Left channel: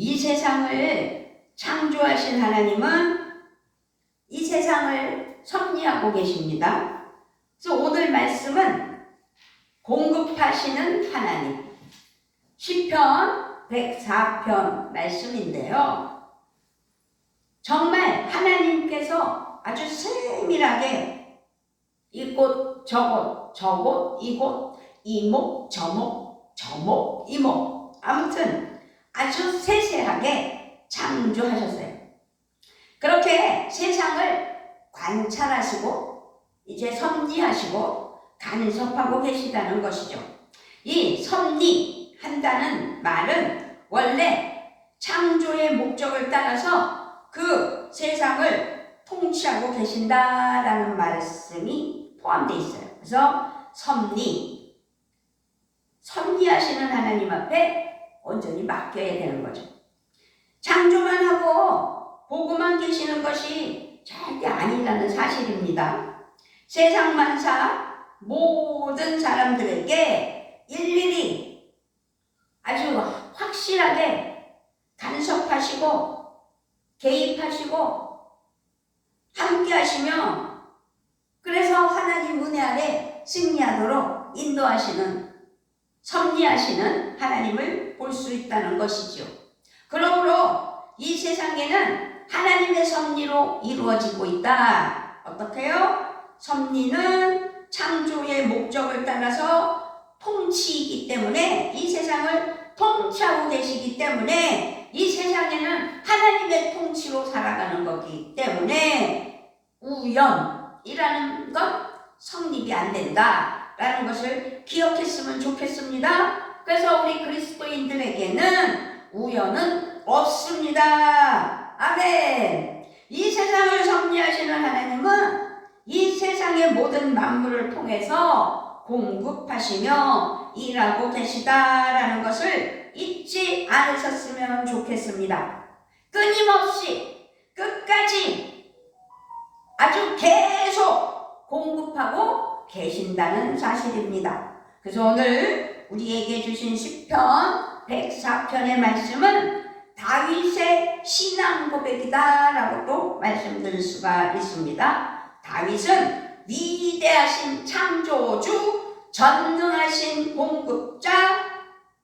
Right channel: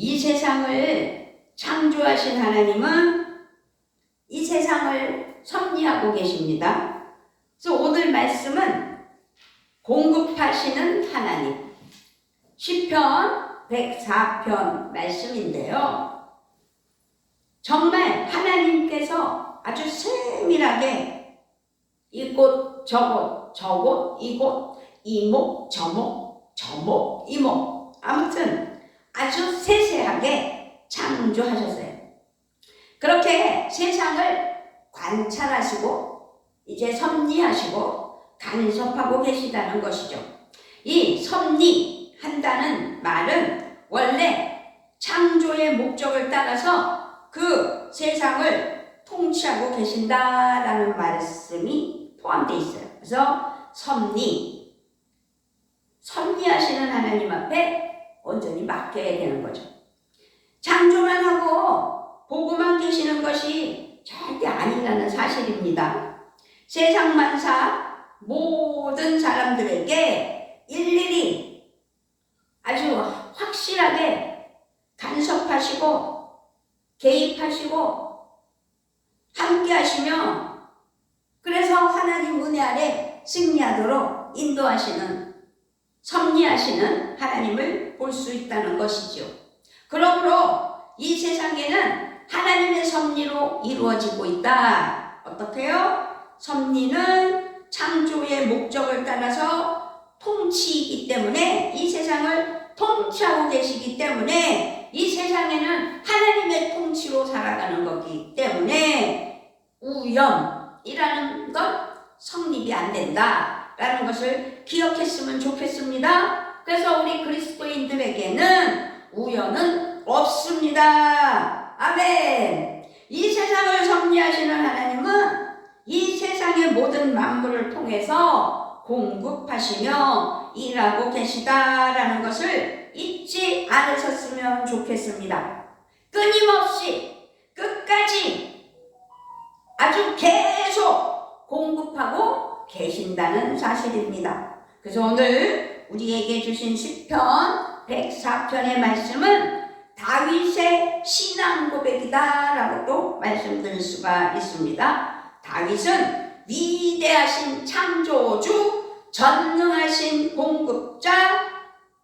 이 세상을 창조하신 하나님은 이 세상을 섭리하고 계십니다. 그래서 오늘 말씀은 공급하시는 하나님, 시편 104편 말씀인데요. 정말 하나님께서 아주 세밀하게 이곳 저곳 저곳 이곳 이목 저목 저목 이목, 아무튼 아주 세세하게 창조하셨어요. 그렇게 세상을 관찰하시고 이제 섭리하시고 간섭하고 계시다는 것이죠. 이 섭리한다는 말은 원래 창조의 목적을 따라서 그 세상을 통치하고 계신다라는 말씀이 포함되어 있어요. 그래서 섭리하시는 하나님 앞에 온전히 맡겨야 되는 거죠. 창조만 하고 보고만 계시는 것이 절대 아니라는 사실입니다. 세상 만사 모든 사람들에게 일일이 아주 확실하게 간섭하시고 개입하시고 함께 하시며, 그래서 하나님 은혜 아래 승리하도록 인도하시는, 섭리하시는 하나님을 볼 수 있다는 것이죠. 그러므로 이 세상에는 하나님의 섭리로 이루어지고 있다. 어떻게요? 섭리는 창조의 목적을 따라서 통치이기 때문에, 이 세상을 통치하고 계시기 때문에 이 세상에는 하나님의 통치로 살아가는 거기 때문에 우연이라는 건 성립이 안 된다라는 것을 기억했으면 좋겠습니다. 그래서 우리 그리스도인들에게는 우연은 없습니다. 아멘. 이 세상을 섭리하시는 하나님은 이 세상의 모든 만물을 통해서 공급하시며 일하고 계시다라는 것을 잊지 않으셨으면 좋겠습니다. 끊임없이 끝까지 아주 계속 공급하고 계신다는 사실입니다. 그래서 오늘 우리에게 주신 시편 104편의 말씀은 다윗의 신앙 고백이다 라고 또 말씀드릴 수가 있습니다. 다윗은 위대하신 창조주, 전능하신 공급자,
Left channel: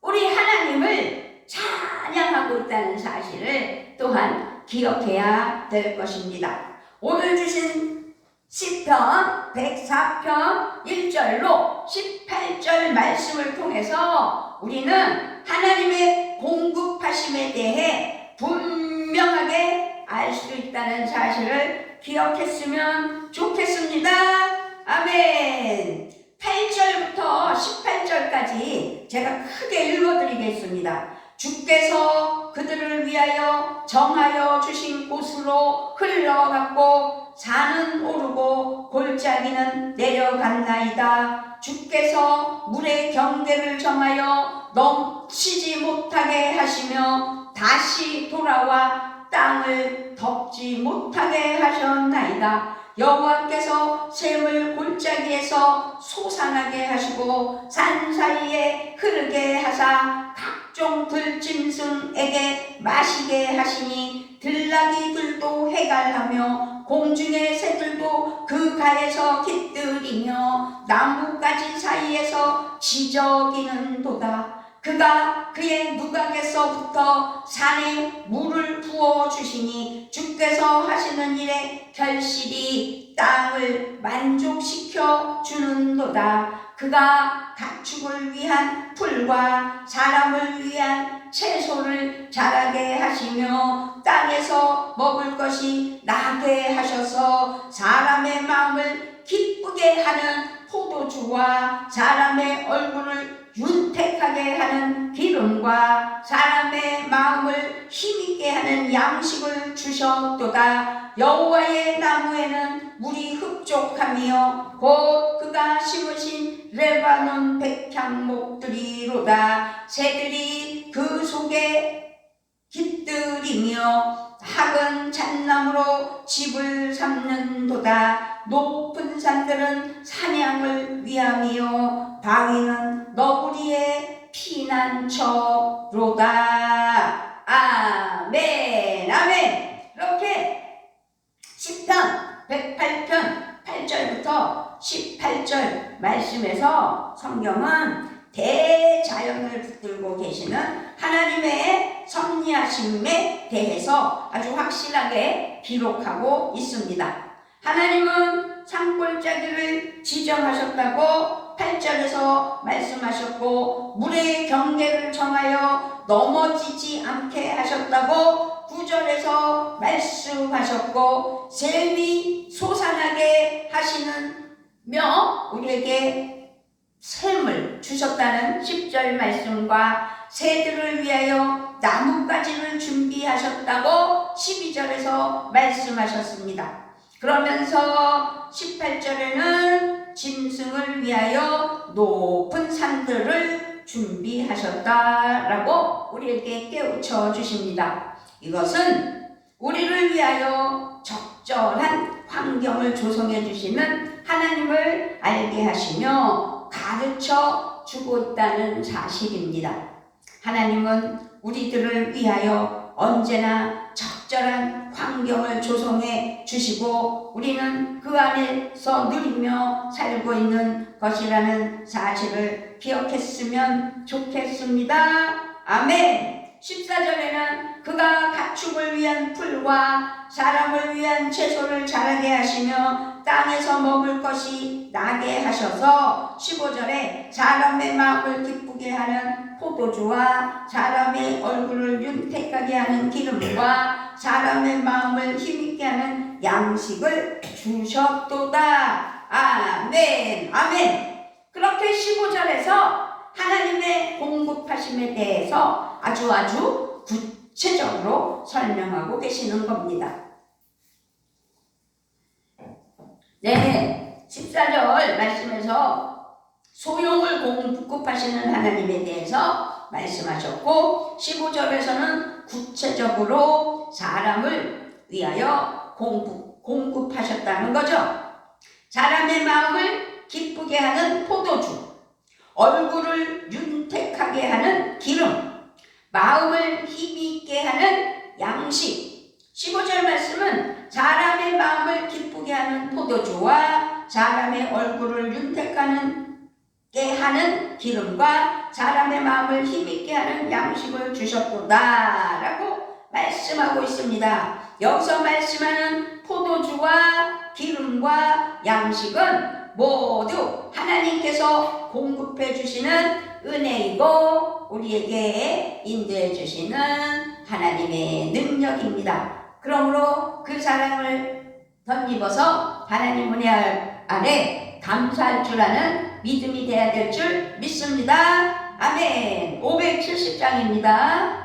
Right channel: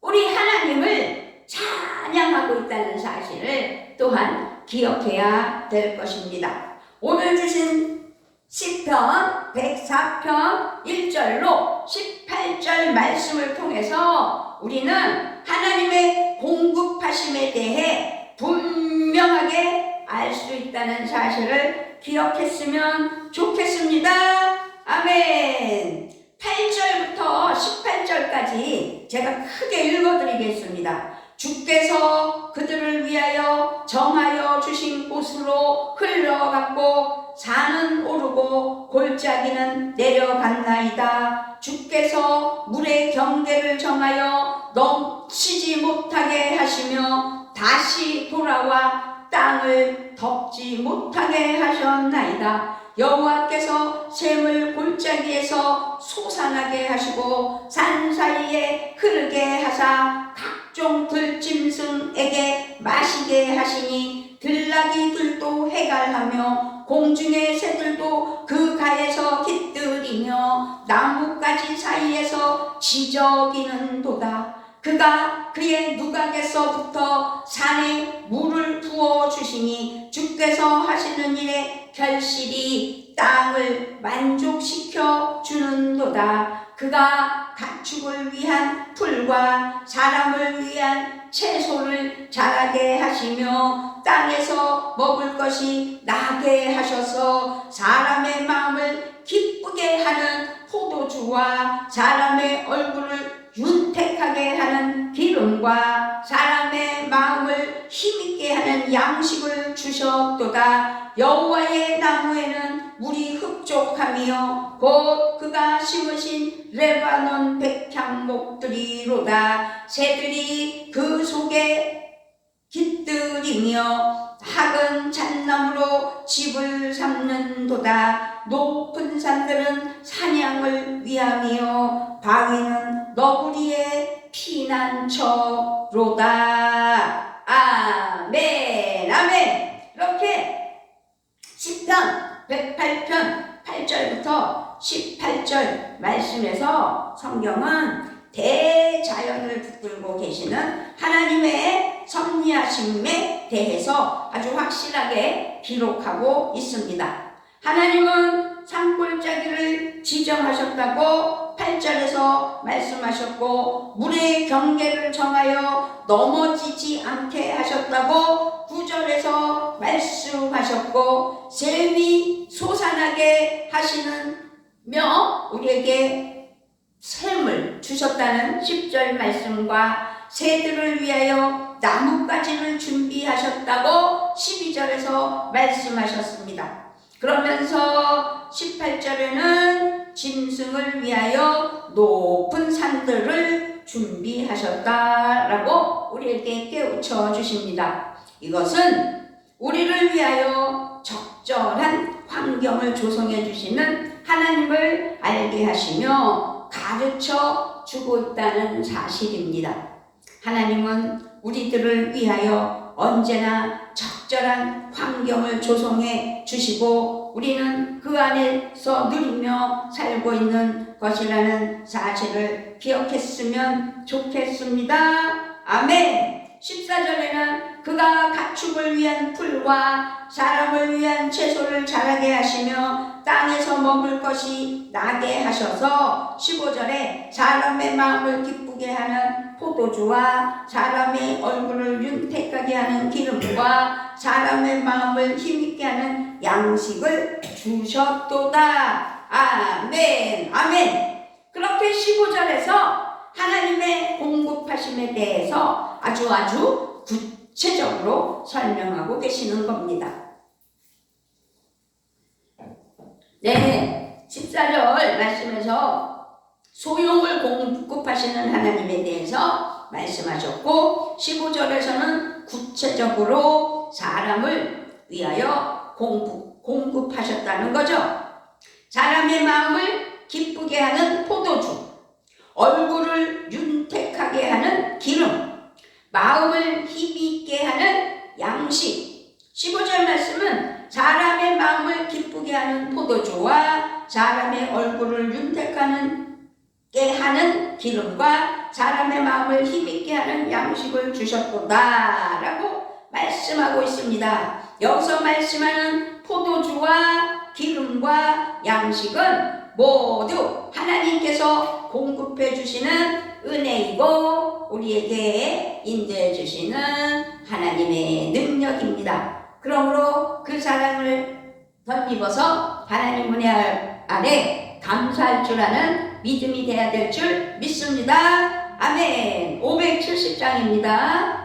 우리 하나님을 찬양하고 있다는 사실을 또한 기억해야 될 것입니다. 오늘 주신 시편 104편 1절로 18절 말씀을 통해서 우리는 하나님의 공급하심에 대해 분명하게 알 수 있다는 사실을 기억했으면 좋겠습니다. 아멘. 8절부터 18절까지 제가 크게 읽어드리겠습니다. 주께서 그들을 위하여 정하여 주신 곳으로 흘러갔고 산은 오르고 골짜기는 내려갔나이다. 주께서 물의 경계를 정하여 넘치지 못하게 하시며 다시 돌아와 땅을 덮지 못하게 하셨나이다. 여호와께서 샘을 골짜기에서 솟아나게 하시고 산 사이에 흐르게 하사 각종 들짐승에게 마시게 하시니 들나귀들도 해갈하며 공중의 새들도 그 가에서 깃들이며 나뭇가지 사이에서 지저귀는도다. 그가 그의 누각에서부터 산에 물을 부어주시니 주께서 하시는 일에 결실이 땅을 만족시켜 주는도다. 그가 가축을 위한 풀과 사람을 위한 채소를 자라게 하시며 땅에서 먹을 것이 나게 하셔서 사람의 마음을 기쁘게 하는 포도주와 사람의 얼굴을 윤택하게 하는 기름과 사람의 마음을 힘있게 하는 양식을 주셨도다. 여호와의 나무에는 물이 흡족하며 곧 그가 심으신 레바논 백향목들이로다. 새들이 그 속에 깃들이며 학은 잣나무로 집을 삼는도다. 높은 산들은 사냥을 위함이요 바위는 너구리의 피난처로다. 아멘. 말씀에서 성경은 대자연을 붙들고 계시는 하나님의 섭리하심에 대해서 아주 확실하게 기록하고 있습니다. 하나님은 산골짜기를 지정하셨다고 8절에서 말씀하셨고, 물의 경계를 정하여 넘어지지 않게 하셨다고 9절에서 말씀하셨고, 샘이 솟아나게 하시는며 우리에게 샘을 주셨다는 10절 말씀과 새들을 위하여 나뭇가지를 준비하셨다고 12절에서 말씀하셨습니다. 그러면서 18절에는 짐승을 위하여 높은 산들을 준비하셨다라고 우리에게 깨우쳐 주십니다. 이것은 우리를 위하여 적절한 환경을 조성해 주시는 하나님을 알게 하시며 가르쳐 주고 있다는 사실입니다. 하나님은 우리들을 위하여 언제나 적절한 환경을 조성해 주시고 우리는 그 안에서 누리며 살고 있는 것이라는 사실을 기억했으면 좋겠습니다. 아멘. 14절에는 그가 가축을 위한 풀과 사람을 위한 채소를 자라게 하시며 땅에서 먹을 것이 나게 하셔서 15절에 사람의 마음을 기쁘게 하는 포도주와 사람의 얼굴을 윤택하게 하는 기름과 사람의 마음을 힘있게 하는 양식을 주셨도다. 아멘. 아멘. 그렇게 15절에서 하나님의 공급하심에 대해서 아주 구체적으로 설명하고 계시는 겁니다. 네, 14절 말씀에서 소용을 공급하시는 하나님에 대해서 말씀하셨고, 15절에서는 구체적으로 사람을 위하여 공급하셨다는 거죠. 사람의 마음을 기쁘게 하는 포도주, 얼굴을 윤택하게 하는 기름, 마음을 힘있게 하는 양식. 15절 말씀은 사람의 마음을 기쁘게 하는 포도주와 사람의 얼굴을 윤택하게 하는 기름과 사람의 마음을 힘있게 하는 양식을 주셨도다 라고 말씀하고 있습니다. 여기서 말씀하는 포도주와 기름과 양식은 모두 하나님께서 공급해 주시는 은혜이고 우리에게 인도해 주시는 하나님의 능력입니다. 그러므로 그 사랑을 덧입어서 하나님 은혜 아래 감사할 줄 아는 믿음이 되어야 될 줄 믿습니다. 아멘. 570장입니다.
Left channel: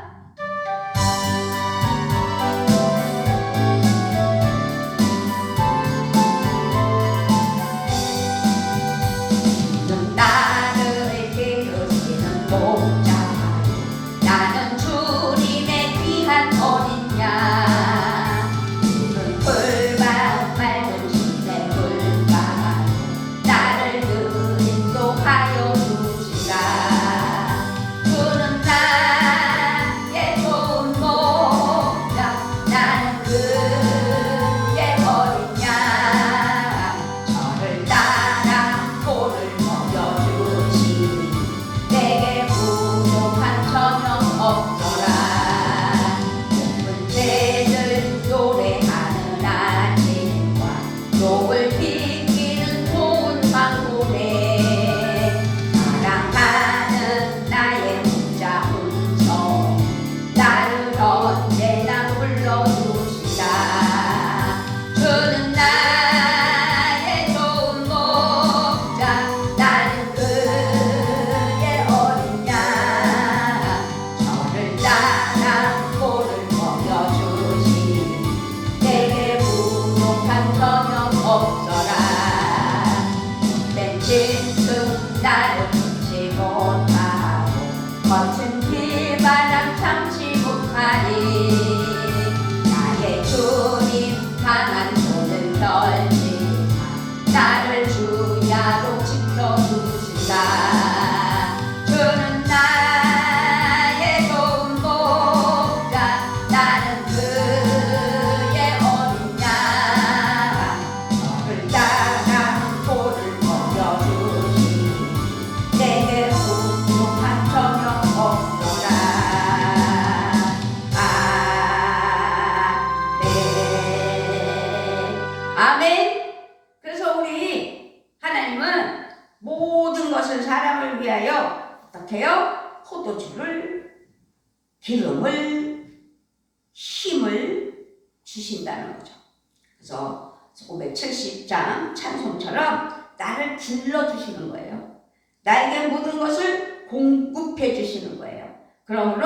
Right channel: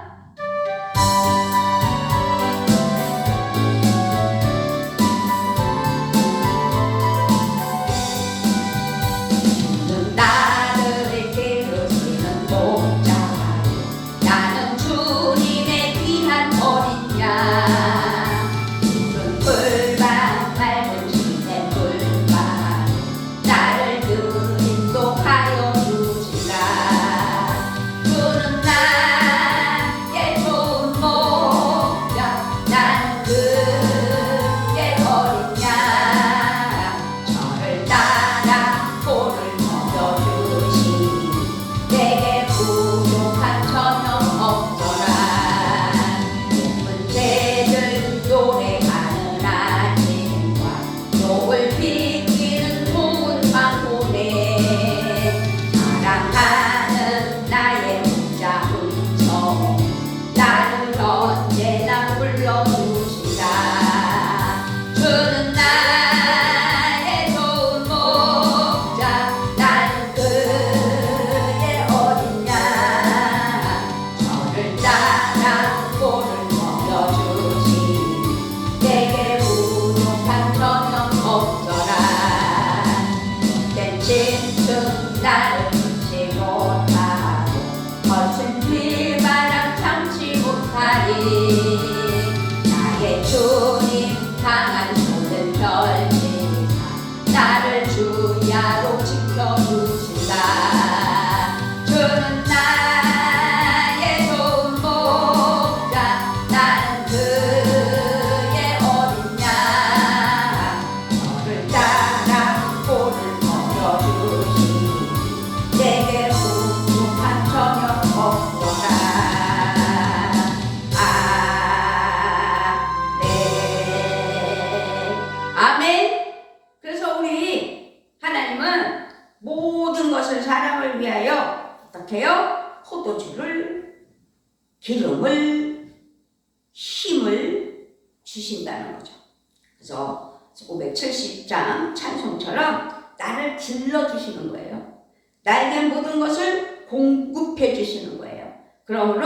힘을 주신다는 거죠. 그래서 570장 찬송처럼 나를 길러주시는 거예요. 나에게 모든 것을 공급해 주시는 거예요. 그러므로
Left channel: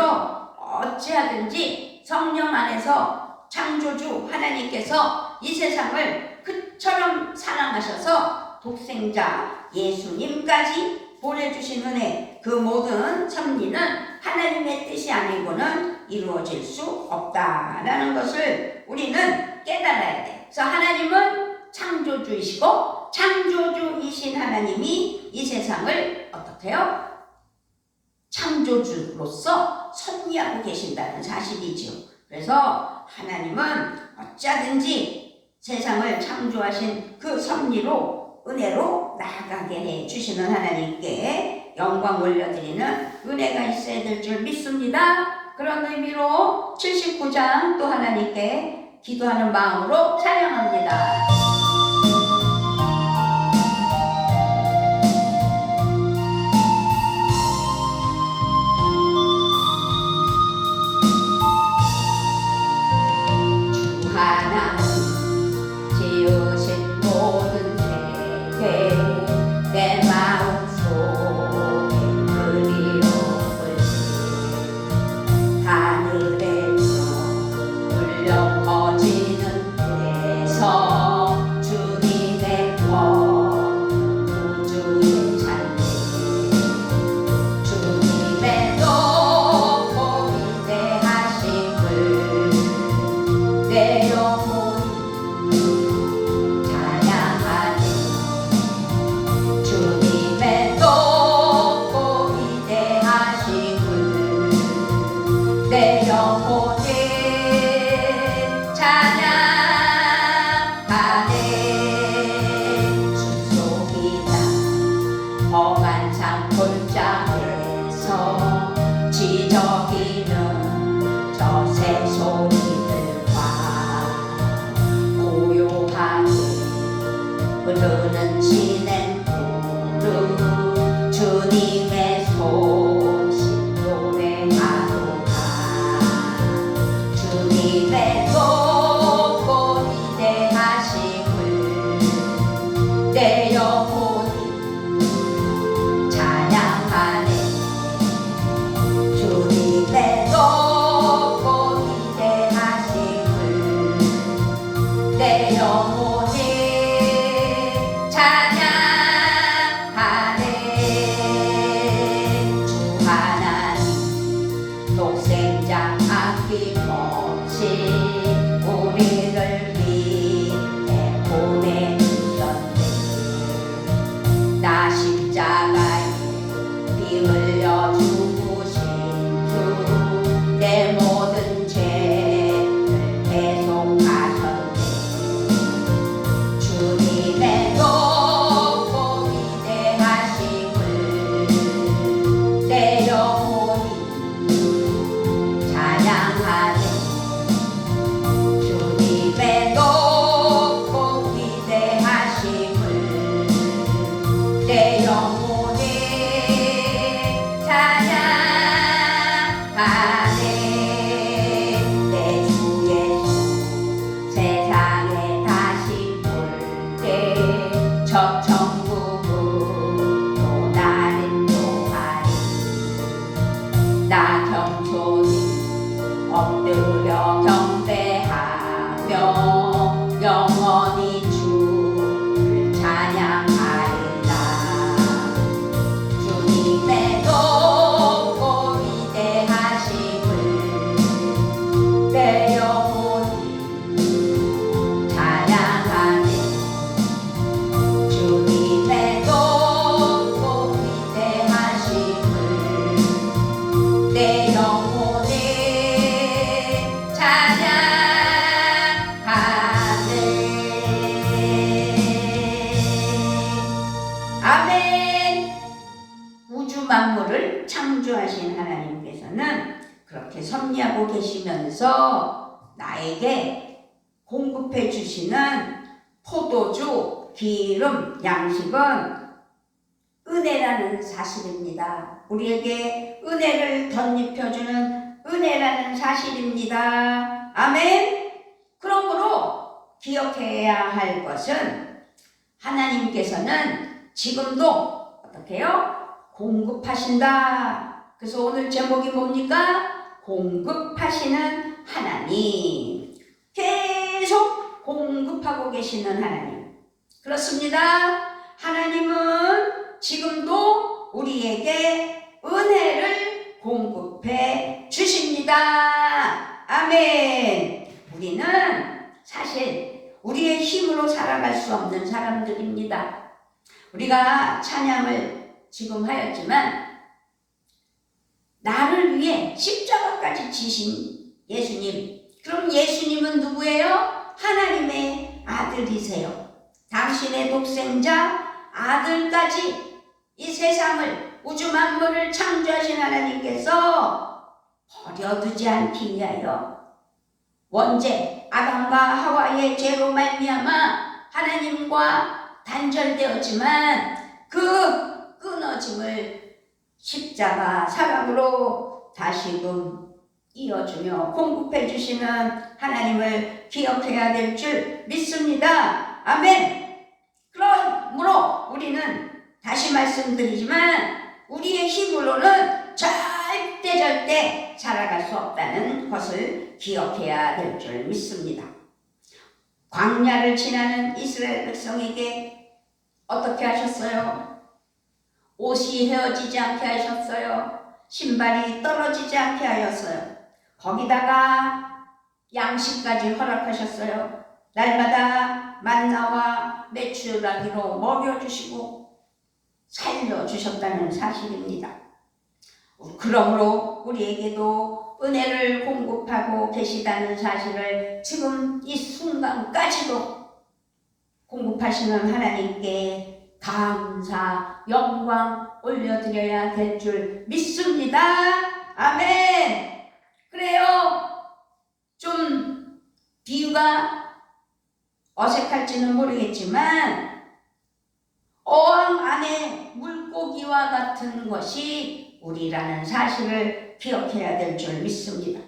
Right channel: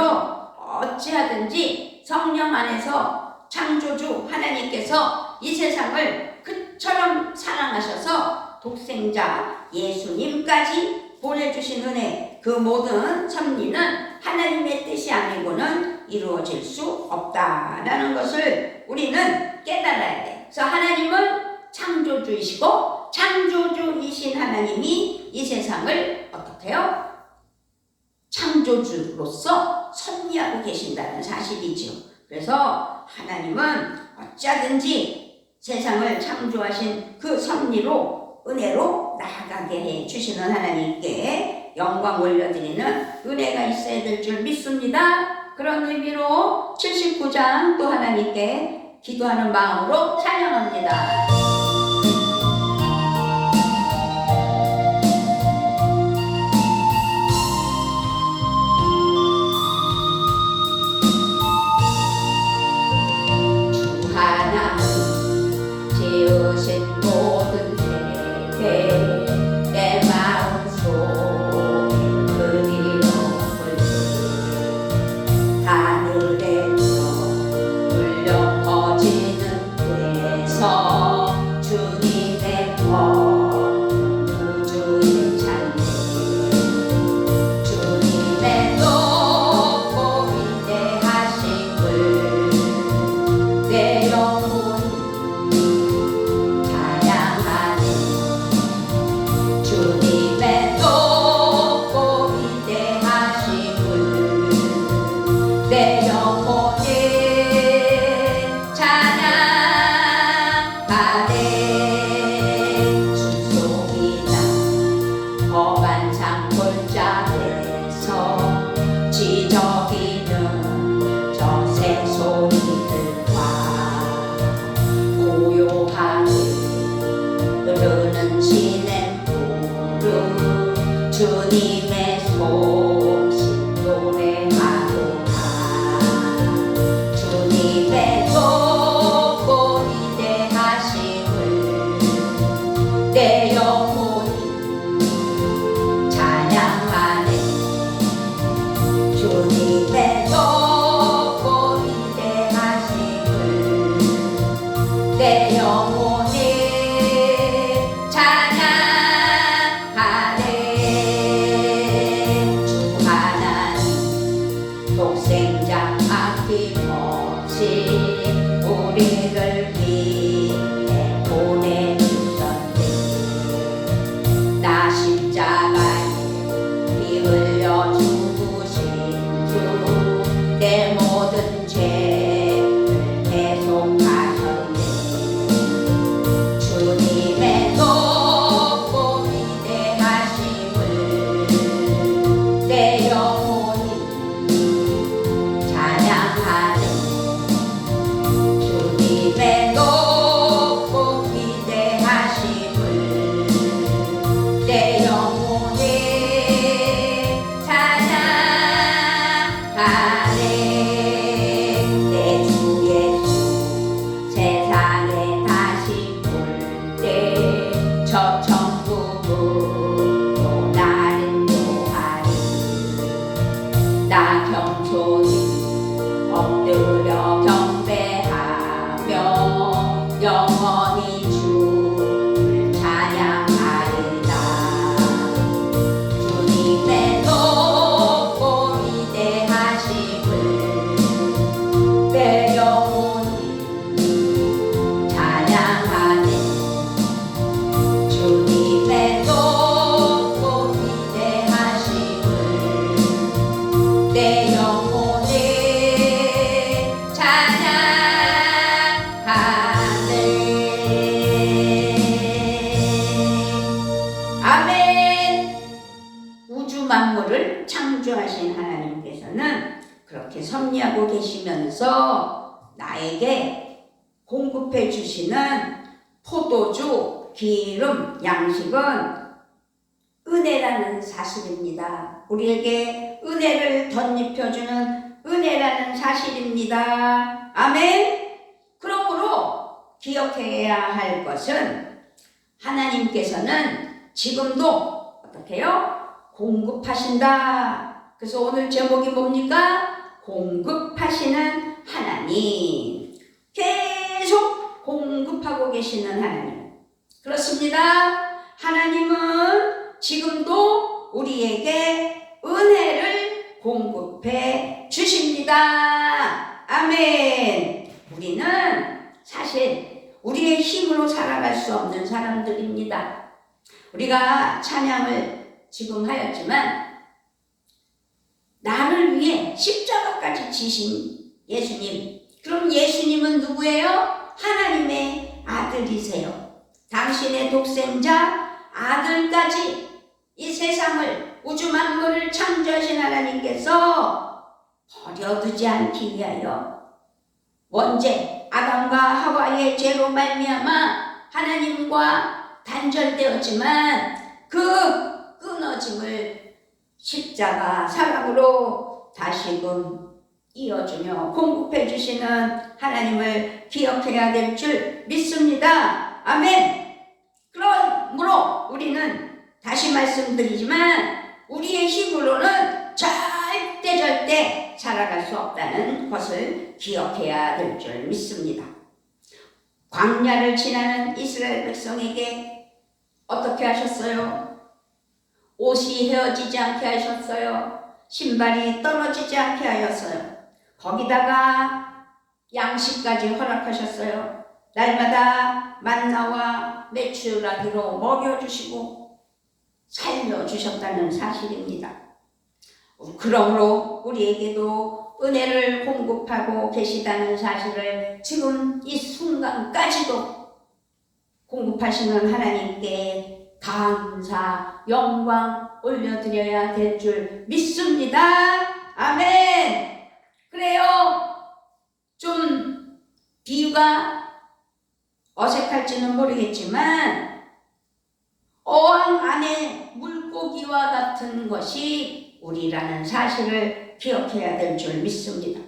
어찌하든지 성령 안에서 창조주 하나님께서 이 세상을 그처럼 사랑하셔서 독생자 예수님까지 보내주신 은혜, 그 모든 섭리는 하나님의 뜻이 아니고는 이루어질 수 없다라는 것을 우리는 깨달아야 돼. 그래서 하나님은 창조주이시고 창조주이신 하나님이 이 세상을 어떻게 해요? 창조주로서 섭리하고 계신다는 사실이죠. 그래서 하나님은 어쩌든지 세상을 창조하신 그 섭리로 은혜로 나아가게 해주시는 하나님께 영광 올려드리는 은혜가 있어야 될 줄 믿습니다. 그런 의미로 79장 또 하나님께 기도하는 마음으로 찬양합니다. 창조하신 하나님께서는 그렇게 섭리하고 계시면서 나에게 공급해 주시는 포도주, 기름, 양식은 은혜라는 사실입니다. 우리에게 은혜를 덧입혀주는 은혜라는 사실입니다. 아멘. 그러므로 기억해야 할 것은 하나님께서는 지금도 어떻게 해요? 공급하신다. 그래서 오늘 제목이 뭡니까? 공급하시는 하나님. 계속 공급하고 계시는 하나님. 그렇습니다. 하나님은 지금도 우리에게 은혜를 공급해 주십니다. 아멘. 우리는 사실 우리의 힘으로 살아갈 수 없는 사람들입니다. 우리가 찬양을 지금 하였지만 나를 위해 십자가까지 지신 예수님. 그럼 예수님은 누구예요? 하나님의 아들이세요. 당신의 독생자 아들까지 이 세상을 우주 만물을 창조하신 하나님께서 버려두지 않기 위하여 원죄 아담과 하와의 죄로 말미암아 하나님과 단절되었지만 그 끊어짐을 십자가 사랑으로 다시금 이어주며 공급해 주시는 하나님을 기억해야 될 줄 믿습니다. 아멘. 그러므로 우리는 다시 말씀드리지만 우리의 힘으로는 절대 살아갈 수 없다는 것을 기억해야 될 줄 믿습니다. 광야를 지나는 이스라엘 백성에게 어떻게 하셨어요? 옷이 헤어지지 않게 하셨어요. 신발이 떨어지지 않게 하였어요. 거기다가 양식까지 허락하셨어요. 날마다 만나와 메추라기로 먹여주시고 살려주셨다는 사실입니다. 그러므로 우리에게도 은혜를 공급하고 계시다는 사실을 지금 이 순간까지도 공급하시는 하나님께 감사, 영광 올려드려야 될 줄 믿습니다. 아멘. 그래요. 좀 비유가 어색할지는 모르겠지만 어항 안에 물고기와 같은 것이 우리라는 사실을 기억해야 될 줄 믿습니다.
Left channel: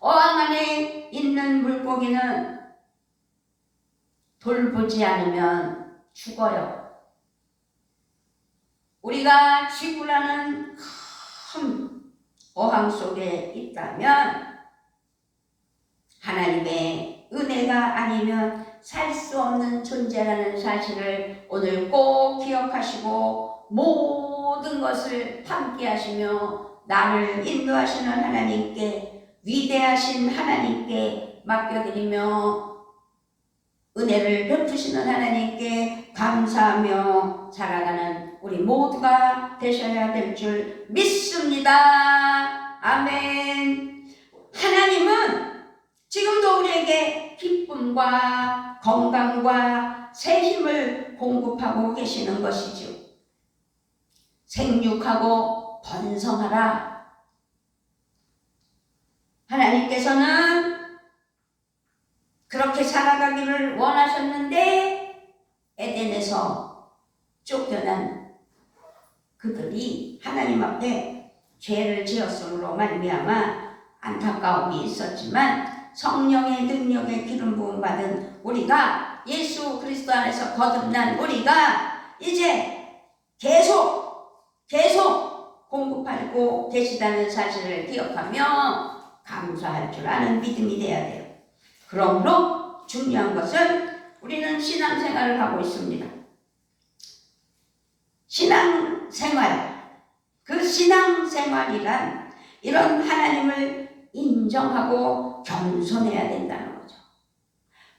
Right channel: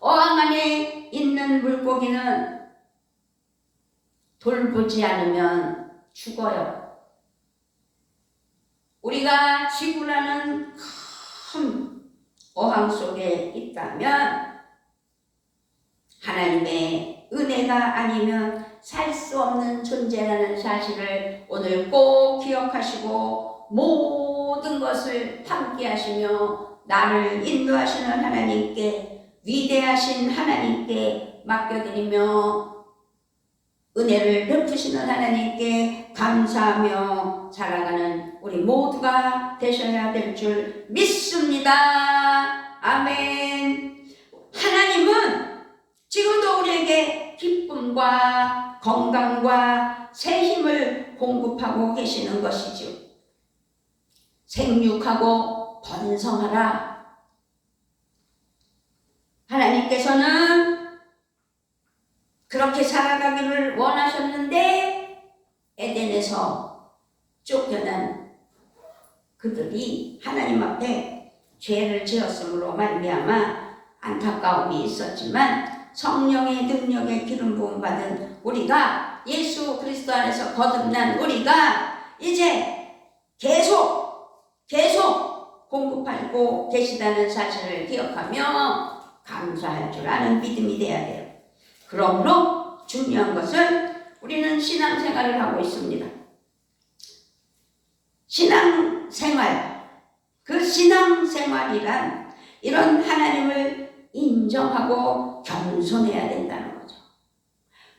어항 안에 있는 물고기는 돌보지 않으면 죽어요. 우리가 지구라는 큰 어항 속에 있다면 하나님의 은혜가 아니면 살 수 없는 존재라는 사실을 오늘 꼭 기억하시고 모든 것을 함께 하시며 나를 인도하시는 하나님께 위대하신 하나님께 맡겨드리며 은혜를 베푸시는 하나님께 감사하며 살아가는 우리 모두가 되셔야 될 줄 믿습니다. 아멘. 하나님은 지금도 우리에게 기쁨과 건강과 새 힘을 공급하고 계시는 것이죠. 생육하고 번성하라. 하나님께서는 그렇게 살아가기를 원하셨는데 에덴에서 쫓겨난 그들이 하나님 앞에 죄를 지었으므로 말미암아 안타까움이 있었지만 성령의 능력에 기름 부음 받은 우리가 예수 그리스도 안에서 거듭난 우리가 이제 계속 공급하고 계시다는 사실을 기억하며 감사할 줄 아는 믿음이 되어야 돼요. 그러므로 중요한 것은 우리는 신앙생활을 하고 있습니다. 신앙생활, 그 신앙생활이란 이런 하나님을 인정하고 겸손해야 된다는 거죠.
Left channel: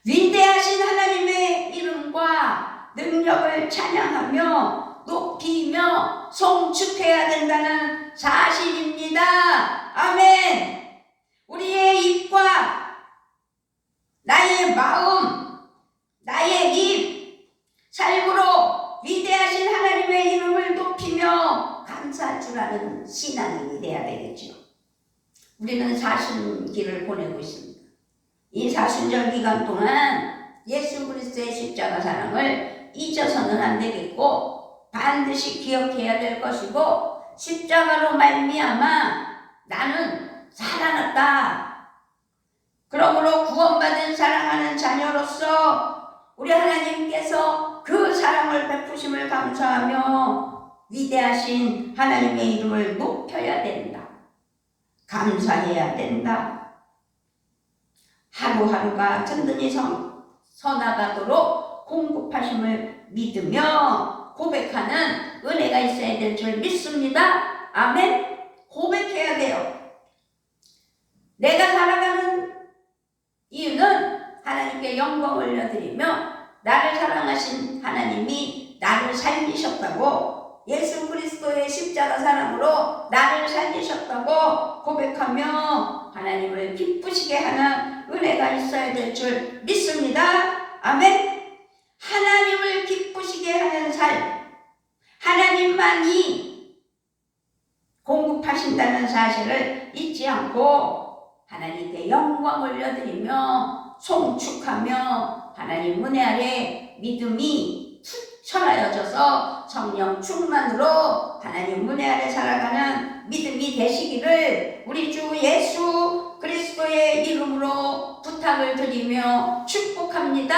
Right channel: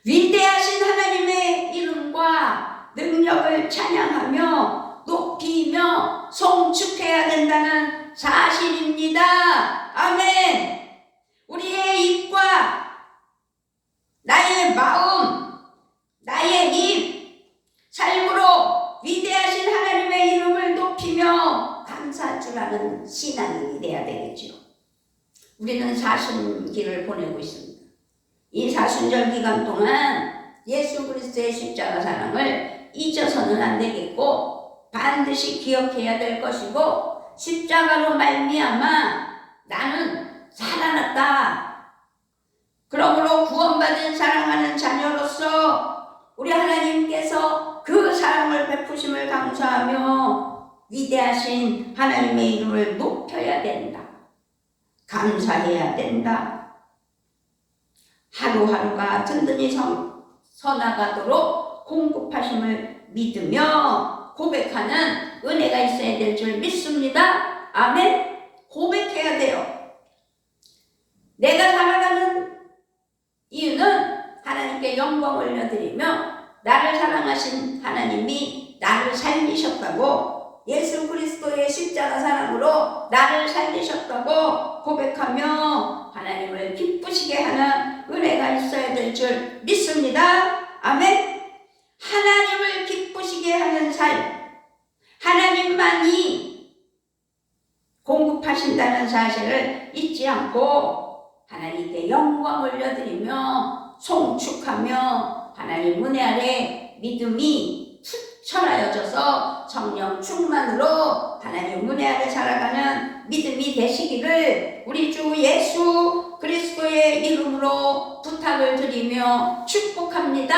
위대하신 하나님의 이름과 능력을 찬양하며 높이며 송축해야 된다는 사실입니다. 아멘. 우리의 입과 나의 마음, 나의 입, 삶으로 위대하신 하나님의 이름을 높이며 감사할 줄 아는 신앙인이 되어야 되겠죠. 우리는 사순기를 보내고 있습니다. 이 사순절 기간 동안 예수 그리스도의 십자가 사랑을 잊어서는 안 되겠고 반드시 기억해야 될 것이고 십자가로 말미암아 나는 살아났다. 그러므로 구원받은 사랑하는 자녀로서 우리 하나님께서 그 사랑을 베푸심을 감사하며 위대하신 하나님의 이름을 높여야 된다. 감사해야 된다. 하루하루가 든든히 서나가도록 공급하심을 믿으며 고백하는 은혜가 있어야 될 줄 믿습니다. 아멘. 고백해야 돼요. 내가 살아가는 이유는 하나님께 영광 올려드리며 나를 사랑하신 하나님이 나를 살리셨다고, 예수 그리스도의 십자가 사랑으로 나를 살리셨다고 고백하며 하나님을 기쁘시게 하는 은혜가 있어야 될 줄 믿습니다. 아멘. 하나님을 기쁘시게 하는 삶, 하나님만이 공급하신다는 사실을 잊지 않고 하나님께 영광 올려드리며 송축하며 하나님 은혜 아래 믿음이 투철하여져서 성령 충만으로 하나님 은혜 아래 살아가는 믿음이 되시기를 우리 주 예수 그리스도의 이름으로 부탁을 드리며 축복합니다.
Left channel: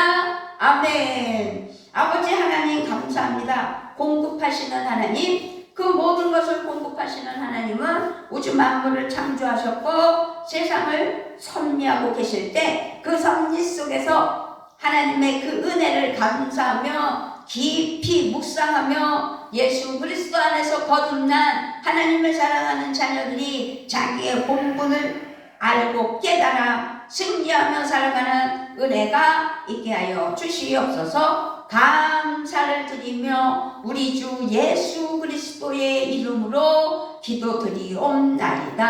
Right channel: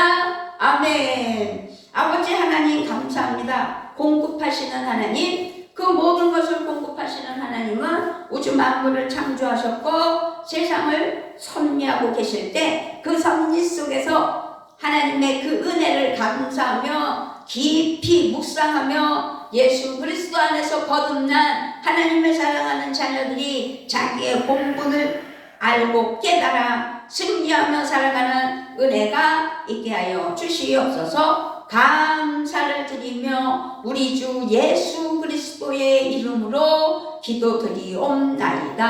아멘. 아버지 하나님 감사합니다. 공급하시는 하나님, 그 모든 것을 공급하시는 하나님은 우주 만물을 창조하셨고 세상을 섭리하고 계실 때 그 섭리 속에서 하나님의 그 은혜를 감사하며 깊이 묵상하며 예수 그리스도 안에서 거듭난 하나님의 사랑하는 자녀들이 자기의 본분을 알고 깨달아 승리하며 살아가는 은혜가 있게 하여 주시옵소서. 감사를 드리며 우리 주 예수 그리스도의 이름으로 기도드리옵나이다.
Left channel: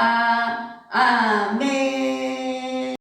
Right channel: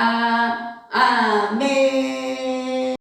아멘.